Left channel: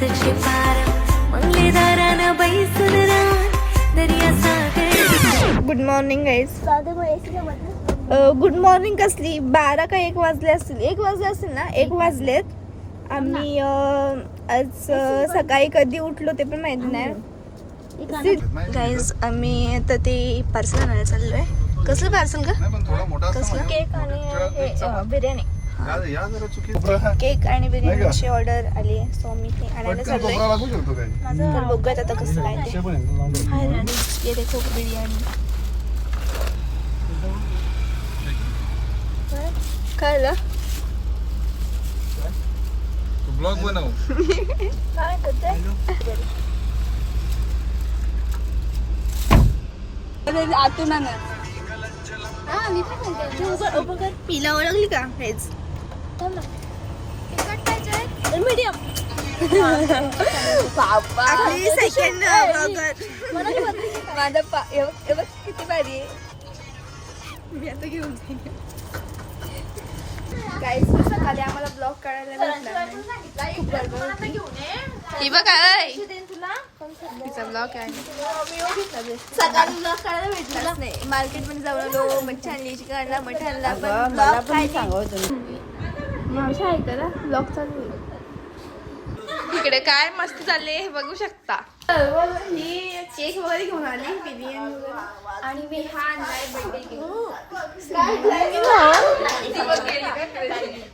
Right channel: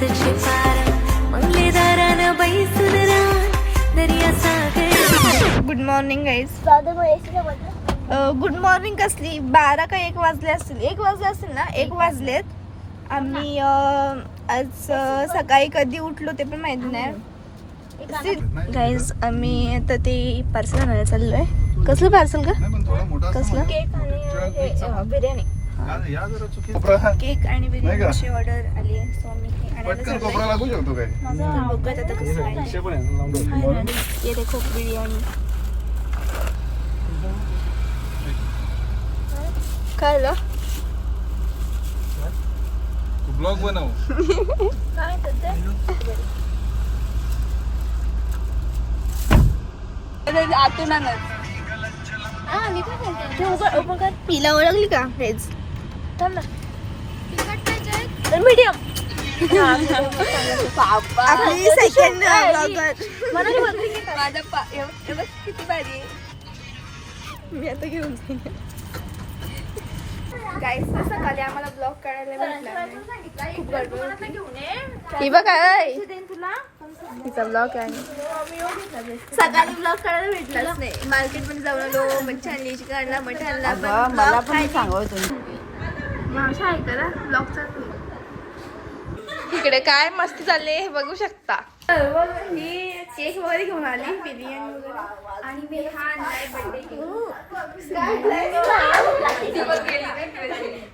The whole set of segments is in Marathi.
पाचशे पार मंगले दारानं बैसून रान दर्या सागर. Good morning guys. Good morning कसली 12 का 1 वाजले असतील. 1 वाजले असतील ना. 1 वाजलेत. आम्ही आज सकाळी कधी उठलो ते पण माहिती नाही गाईज. आम्ही आता ते पार्सल आणायला चाललोय. कसलं पार्सल का? कसलं? केक आणि बिर्याणी. केक आणि बिर्याणीची ऑर्डर आली आहे, सो मी ते आणायला चाललोय. माझं बघत आता कसं आहे. ये देखो बिर्याणी. काय झालं? ब्लॉग बनव. आतून पिला ओळखली का? हेच मीडियम. बाबा सेकंड माझा किती भाजी गाईस. सकाळी आम्हाला ब्लॉग काढायला भेटला नाही, खूप गडबड होती. ही बघ काय तिचा ब्लॉग आहे. सकाळी ब्लॉग काढायला भेटलाच नाही. मार्केटमध्ये जाऊन आलो, मच्छी आणली, चिकन आणला, मटण आणला, पण ब्लॉग काय मावशी ऐका ना, ब्लॉग चालू आहे. इकडे काय मस्ती चालली हे बघू शकता. ही केक वगैरे घेऊन आली, बिर्याणी वगैरे. आणि मी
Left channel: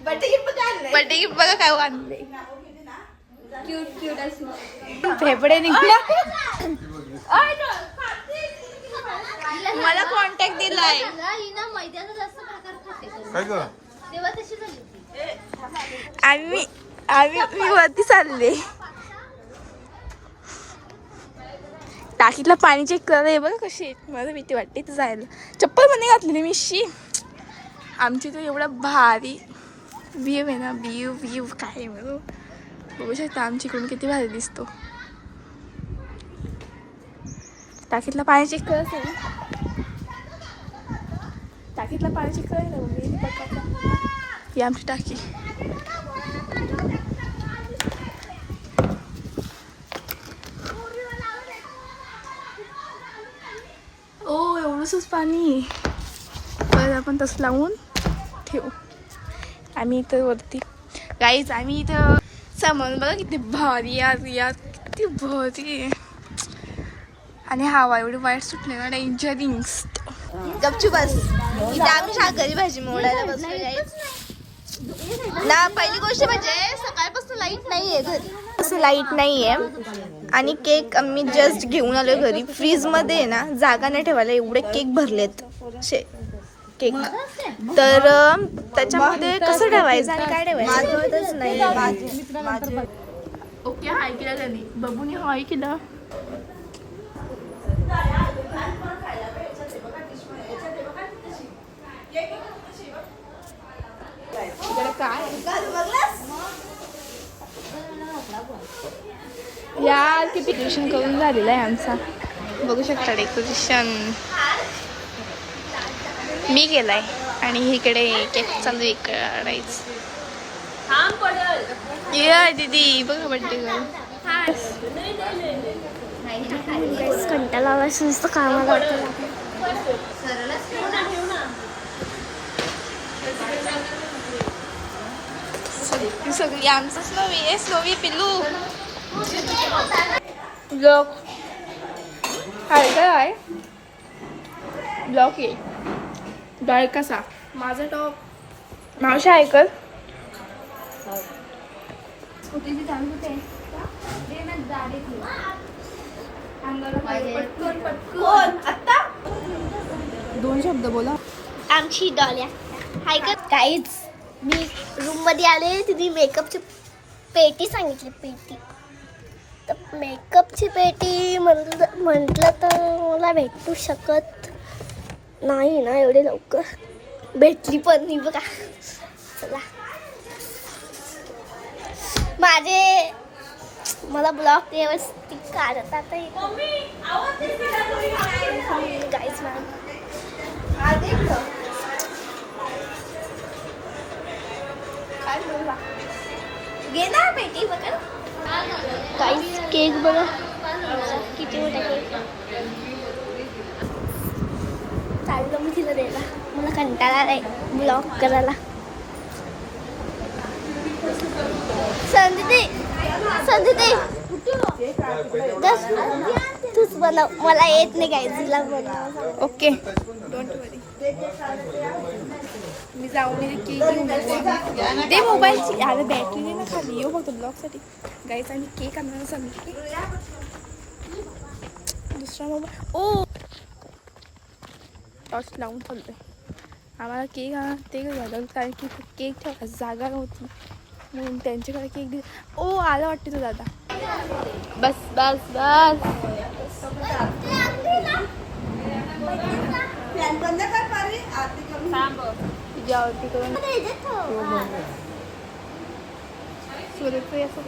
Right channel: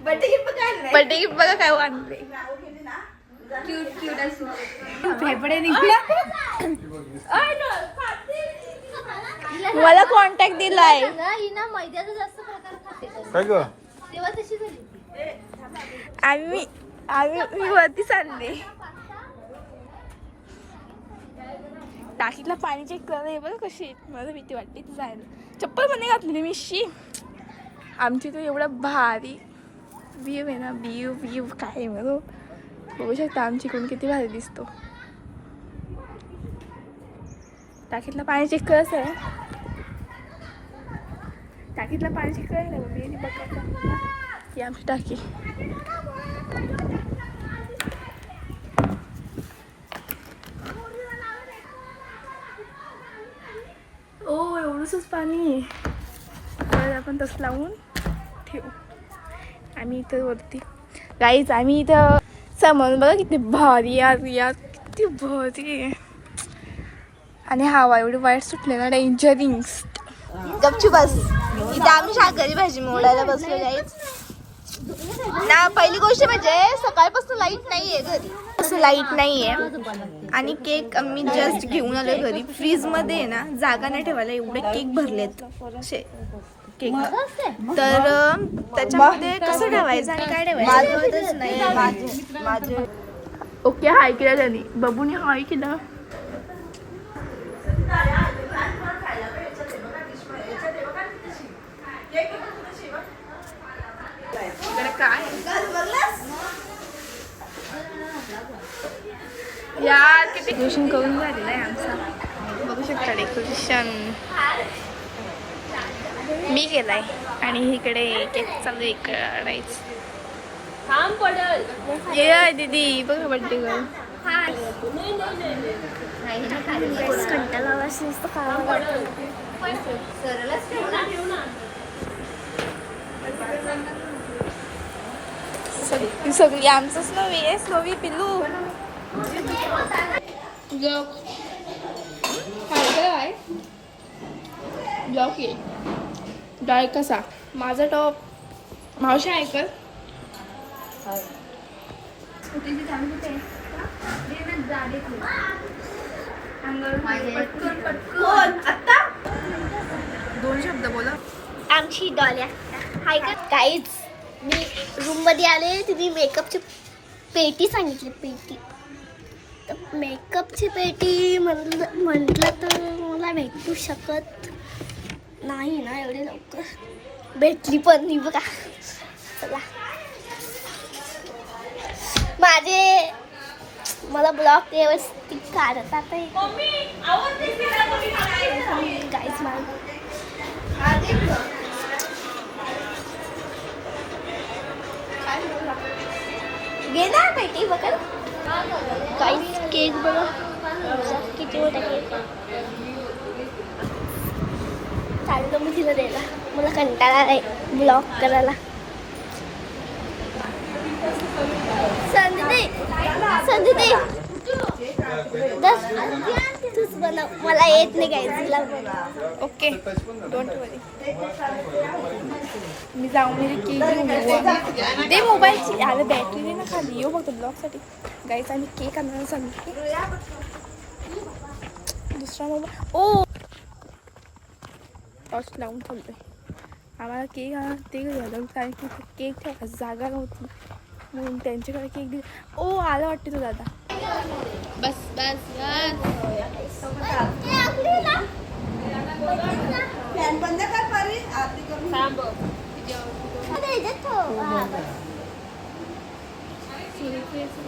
बर्थडे गिफ्ट बघा काय आणले. क्यूट क्यूट असं फेफडे निघले. मला कॉन्टॅक्ट दिलाय. मी वरती चालले. टाकीतलं पाणी चेक करायला आहे बघा कशी. मला भीती वाटते इथं जायला. चप्पल पण नाही घातलेली मी. शी आमची तो एवढा भारी व्ह्यू आहे ना. व्ह्यू काय म्हणू. बघू शकता आमची इकडून किती भारी दिसतो. टाकीतलं पाणी चेक करायचं आहे. टाकीतलं पाणी चेक करायचं मी बघायचं. ही आमची टाकी. ओ एवढंच पाणी. तर आपण तसं लावून ठेवू. आम्ही इथं वरती गाईज. आम्ही इथं समोर बघा किती भारी यार किती भारी आहे. आणि हवा एवढी वाईट सुटले ना. डेंजरिंग गपची बस. इथे आम्ही शाकाहारी भाजी मोडायला बसलो गाईज ना. पहिली गोष्ट म्हणजे सकाळपासून लाईट नाहीये घरी. असं लाईट नाहीये. आणि केक आम्ही जस्ट घेऊन आलोय घरी. फ्रीजमध्ये ना जागा नाही ठेवायला. एवढे केक भरलेत असे केक. तर त्याच्यामध्ये कसं ठेवायचं आणि काय ठेवायचं नाही. ओके हाय केलं त्यांनी. बबूनी हाय केलं. यार किती डेकोरेशन करून झालेलं आहे आमचं. बघू शकता डेकोरेशन मी केलाय. आणि इकडे केक चालू आहे करायचं. ये दीदी बघा बड्डे करून. कंटाळा नुसतं काम सगळी आमचं स्लोवी पिल्लू. ब्लॉग हाय काय ब्लॉग ये डाळ कसा. माझा टॉप मावशी ऐकल. दोन शब्द बोला. आमची डॉल्या हाय का काहीच. मी रूम मध्ये आले. तिने मेकअपची पेटी सांगितली. पेटी तर मेकअपची पेटी म्हटलं तर मला भेटू शकत नाही ना एवढे लवकर. भेटली पण नाही बघा. चला मला ब्लॉग व्यवस्थित काढता आता येतो गाईज. गेला पेटी बघा. काहीच केक बघा किती मोठा केक. चाललो मी तिला द्यायला. मला कंटाळा आहे ब्लॉग करायला. संधी तूच बनव. मला येत नाही काय तिला बनव. ओके डोंट वरी. मी जाऊन केक घेऊन येऊ. ते मोबाईलची अरे बॅटरी नाही ना खाली. येऊ फक्त ब्लॉगसाठी. गाईच आणि केक आणायला सांगितले. दुसरा मोबाईल ओ टॉर्च लावून चाललोय. आम्हाला केक ते झालं कारण की केक ठेवायला जागा नव्हती म्हणून त्यांच्याकडे केक दिला. ओ आला वाटते तो दादा. बस बस बस. तुझी आवडती तो सूर्यफूल असं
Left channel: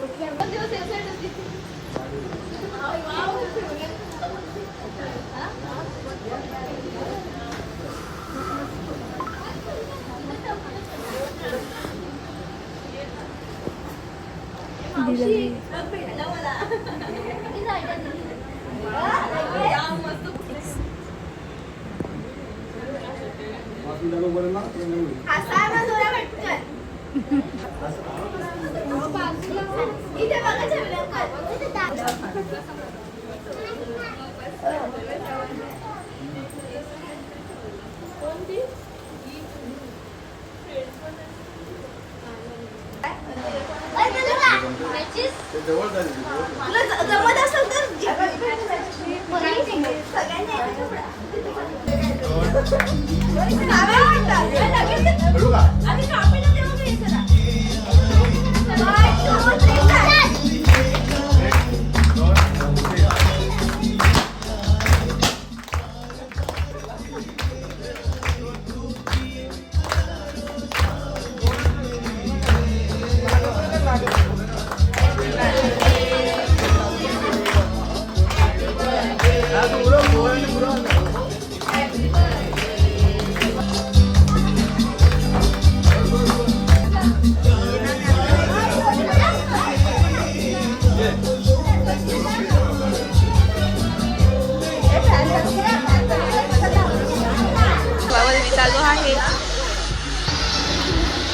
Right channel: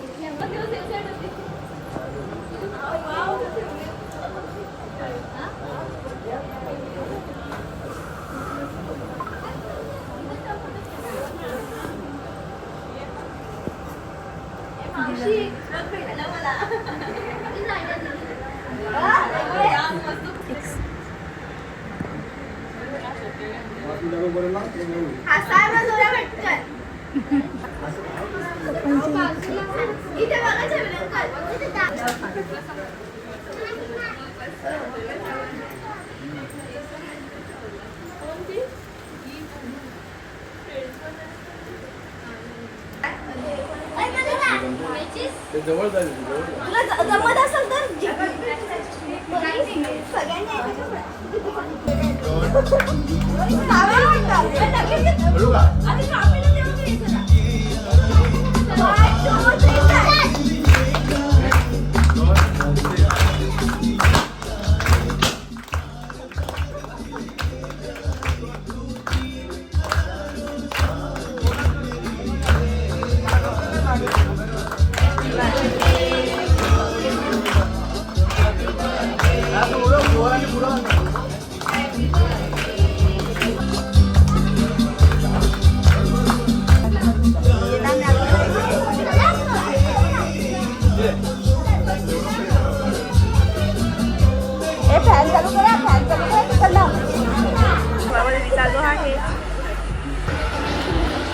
चालू आहे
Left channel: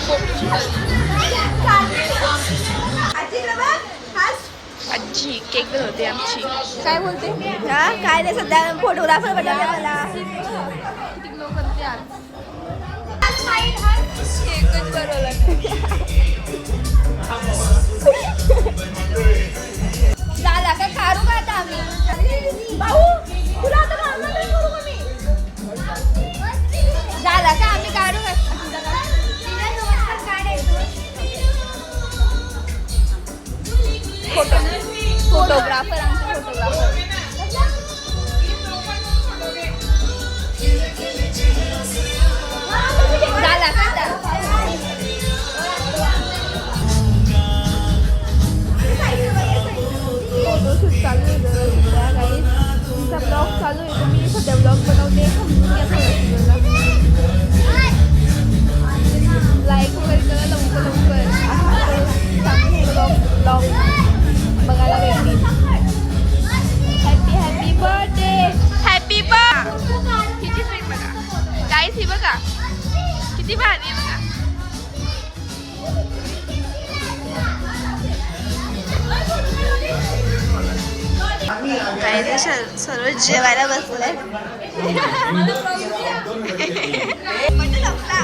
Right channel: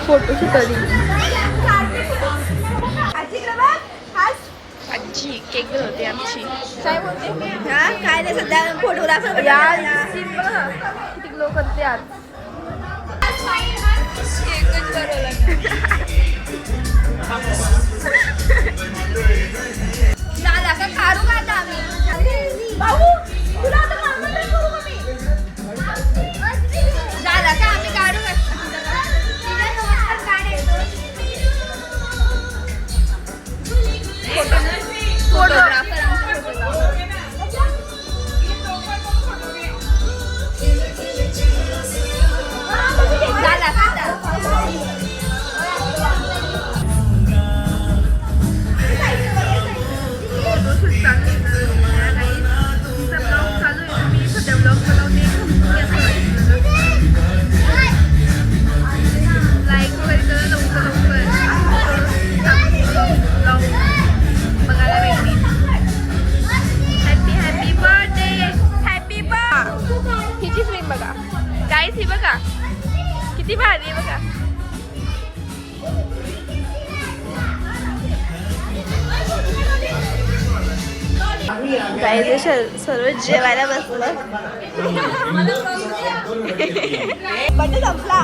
फोटोशूट. आजी केक बनवते आमची. काय बोलते हा काय नाही सध्या फोटोग्राफर किती ग्लो करते आज. केकच बनवला दादा का काढू का आता आम्ही भाऊ तुला आता झाला का आम्ही काढू फोटोग्राफर झाला का फोटोशूट चालू आहे. तुमचा ब्लॉग चालू आहे. मी सध्या ब्लॉग बनवते. लाईक वगैरे करा लवकर ब्लॉग बघायला भेटतील. Happy birthday. हॅपी किती फ्रेम बघा गाईस. ही बघा किती भारी आहे बघा. गाईस सर्व जेवायला बसले. संपला.